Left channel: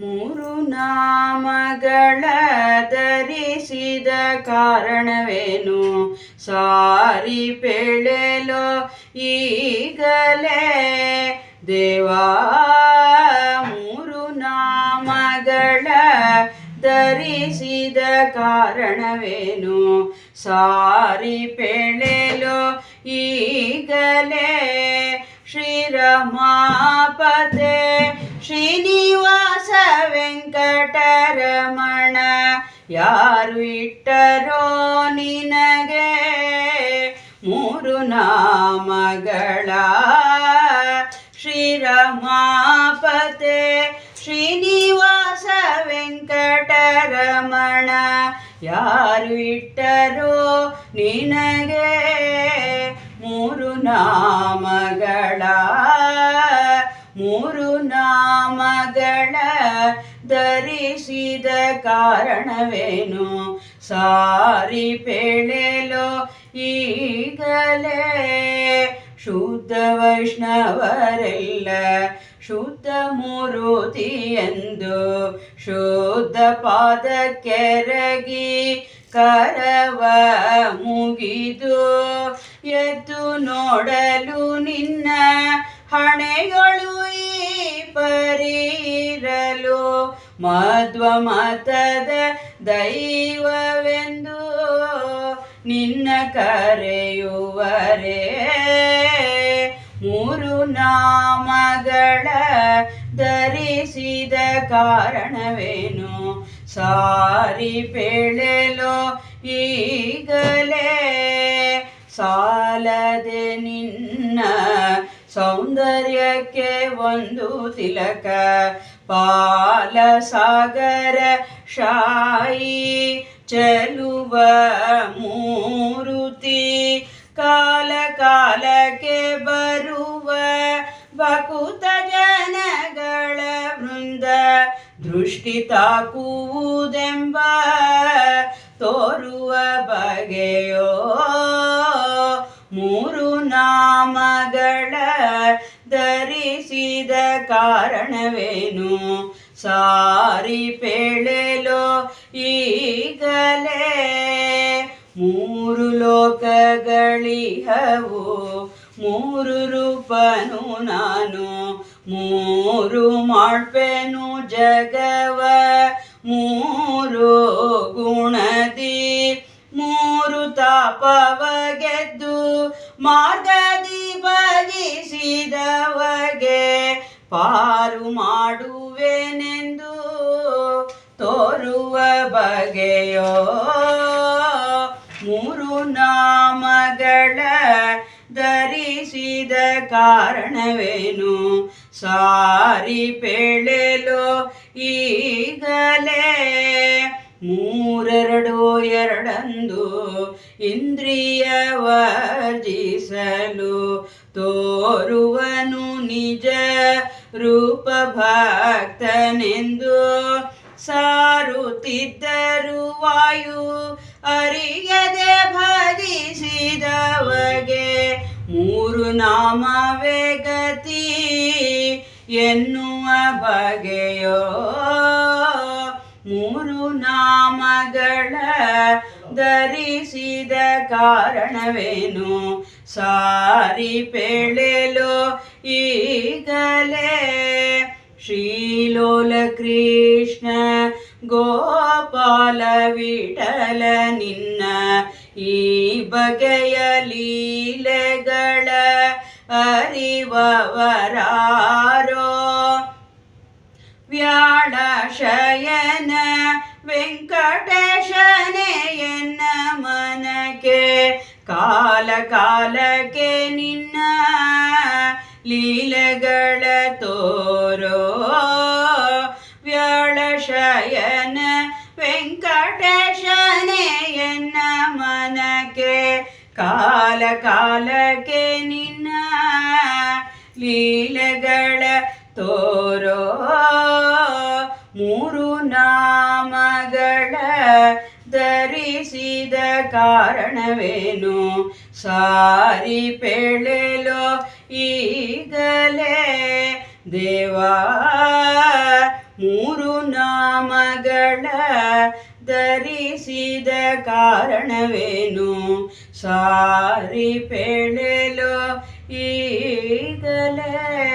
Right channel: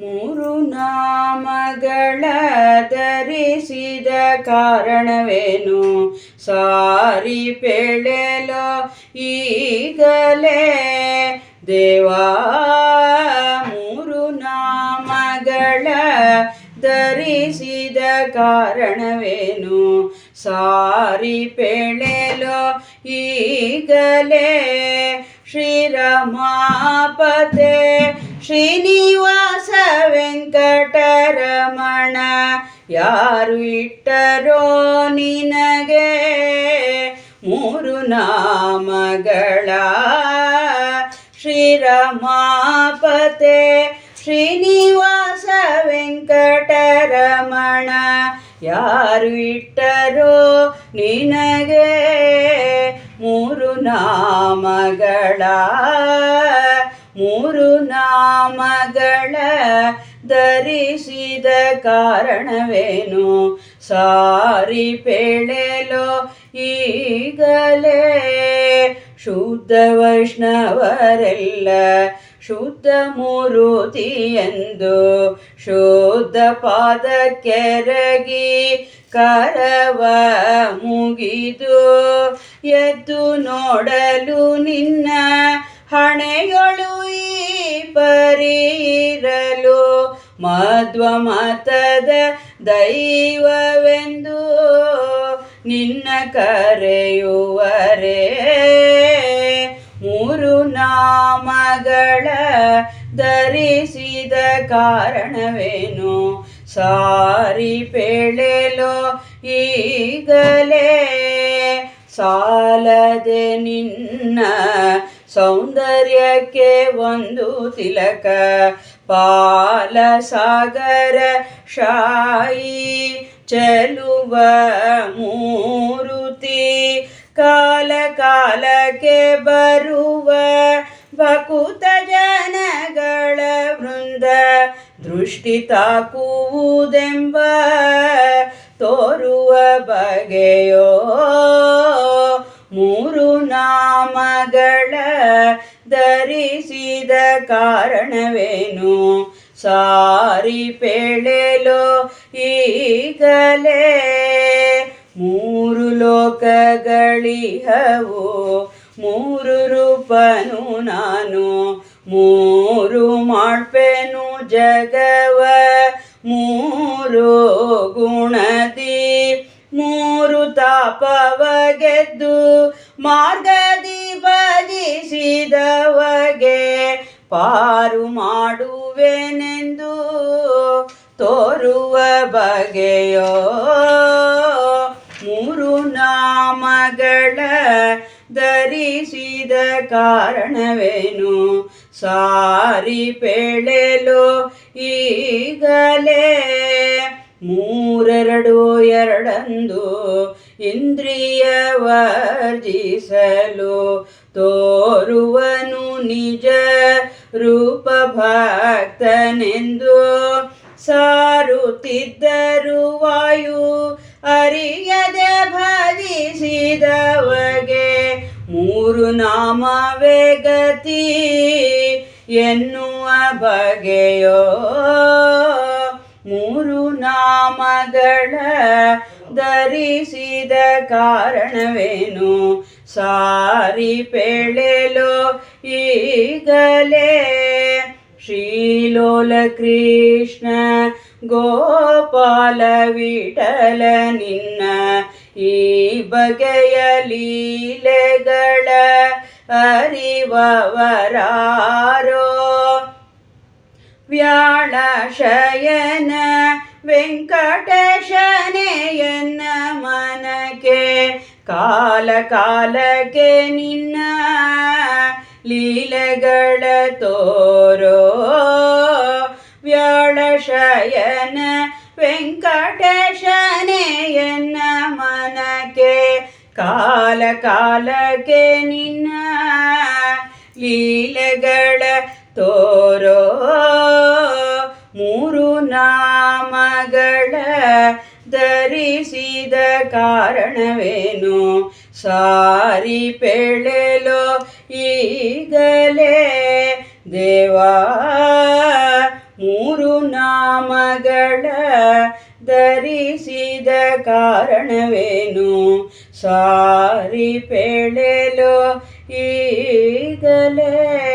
ಮೂರು ನಾಮಗಳ ಧರಿಸಿದ ಕಾರಣವೇನು? ಸಾರಿ ಪೇಳೆಲೋ ಈಗಲೇ ದೇವಾ. ಮೂರು ನಾಮಗಳ ಧರಿಸಿದ ಕಾರಣವೇನು? ಸಾರಿ ಪೇಳೆಲೋ ಈಗಲೇ ಶ್ರೀರಮಾಪತೆ ಶ್ರೀನಿವಾಸ ವೆಂಕಟರಮಣ ಯಾರು ಇಟ್ಟರೋ ನಿನಗೆ ಮೂರು ನಾಮಗಳ? ಶ್ರೀರಮಾಪತೆ ಶ್ರೀನಿವಾಸ ವೆಂಕಟರಮಣ ಯಾರು ಇಟ್ಟರೋ ನಿನಗೆ ಮೂರು ನಾಮಗಳ? ಮೂರು ನಾಮಗಳ ಧರಿಸಿದ ಕಾರಣವೇನು? ಸಾರಿ ಪೇಳೆಲೋ ಈಗಲೇ ಶುದ್ಧ ವೈಷ್ಣವರೆಲ್ಲ ಶುದ್ಧ ಮೂರುತಿಯೆಂದು ಶುದ್ಧ ಪಾದಕ್ಕೆರಗಿ ಕರವ ಮುಗಿದು ಎದ್ದು ನೋಡಲು ನಿನ್ನ ಹಣೆಯೊಳು ಈ ಪರಿರಲು ಮಧ್ವ ಮತದ ದೈವವೆಂದು ನಿನ್ನ ಕರೆಯುವರೇ ಮೂರು ನಾಮಗಳ ಧರಿಸಿದ ಕಾರಣವೇನು? ಸಾರಿ ಪೇಳೆಲೋ ಈಗಲೇ ಸಾಲದೆ ನಿನ್ನ ಸೌಂದರ್ಯಕ್ಕೆ ಒಂದು ತಿಲಕ ಪಾಲ ಸಾಗರ ಶಾಯಿ ಚೆಲುವ ಮೂರುತಿ ಕಾಲ ಕಾಲಕ್ಕೆ ಬರುವ ಭಕುತ ಜನಗಳ ವೃಂದ ದೃಷ್ಟಿ ತಾಕುವುದೆಂಬ ತೋರುವ ಬಗೆಯೋ ಮೂರು ನಾಮಗಳ ಧರಿಸಿದ ಕಾರಣವೇನು? ಸಾರಿ ಪೇಳೆಲೋ ಈಗಲೇ ಮೂರು ಲೋಕಗಳಿಹವು ಮೂರು ರೂಪನು ನಾನು ಮೂರು ಮಾಡ್ಪೆನು ಜಗವ ಮೂರು ಗುಣದಿ ಮೂರು ತಾಪವ ಗೆದ್ದು ಮಾರ್ಗದಿ ಭಜಿಸಿದವಗೆ ಪಾರು ಮಾಡುವೆನೆಂದು ತೋರುವ ಬಗೆಯೋ ಮೂರು ನಾಮಗಳ ಧರಿಸಿದ ಕಾರಣವೇನು? ಸಾರಿ ಪೇಳೆಲೋ ಈಗಲೇ ಮೂರೆರಡು ಎರಡಂದು ಇಂದ್ರಿಯ ವರ್ಜಿಸಲು ತೋರುವನು ನಿಜ ರೂಪ ಭಕ್ತನೆಂದು ಸಾರುತ್ತಿದ್ದರು ವಾಯು ಅರಿಯದೆ ಭಜಿಸಿದವಗೆ ಮೂರು ನಾಮವೇ ಗತಿ ಎನ್ನುವ ಬಗೆಯೋ ಮೂರು ನಾಮಗಳ ಧರಿಸಿದ ಕಾರಣವೇನು? ಸಾರಿ ಪೇಳೆಲೋ ಈಗಲೇ ಶ್ರೀಲೋಲ ಕೃಷ್ಣ ಗೋಪಾಲ ವಿಠಲ ನಿನ್ನ ಈ ಬಗೆಯ ಲೀಲೆಗಳ ಅರಿವವರಾರೋ ವ್ಯಾಳ ಶಯನ ವೆಂಕಟೇಶನೇ ಎನ್ನ ಮನಕ್ಕೆ ಕಾಲ ಕಾಲಕ್ಕೆ ನಿನ್ನ ಲೀಲೆಗಳ ತೋರೋ ವ್ಯಾಳ ಶಯನ ವೆಂಕಟೇಶನೇ ಎನ್ನ ಮನಕ್ಕೆ ಕಾಲ ಕಾಲಕ್ಕೆ ನಿನ್ನ ಲೀಲೆಗಳ ತೋರೋ ಮೂರು ನಾಮಗಳ ಧರಿಸಿದ ಕಾರಣವೇನು? ಸಾರಿ ಪೇಳೆಲೋ ಈಗಲೇ ದೇವಾ ಮೂರು ಧರಿಸಿದ ಕಾರಣವೇನು ಸಾರಿ ಪೆಳೆಲು ಈಗಲೇ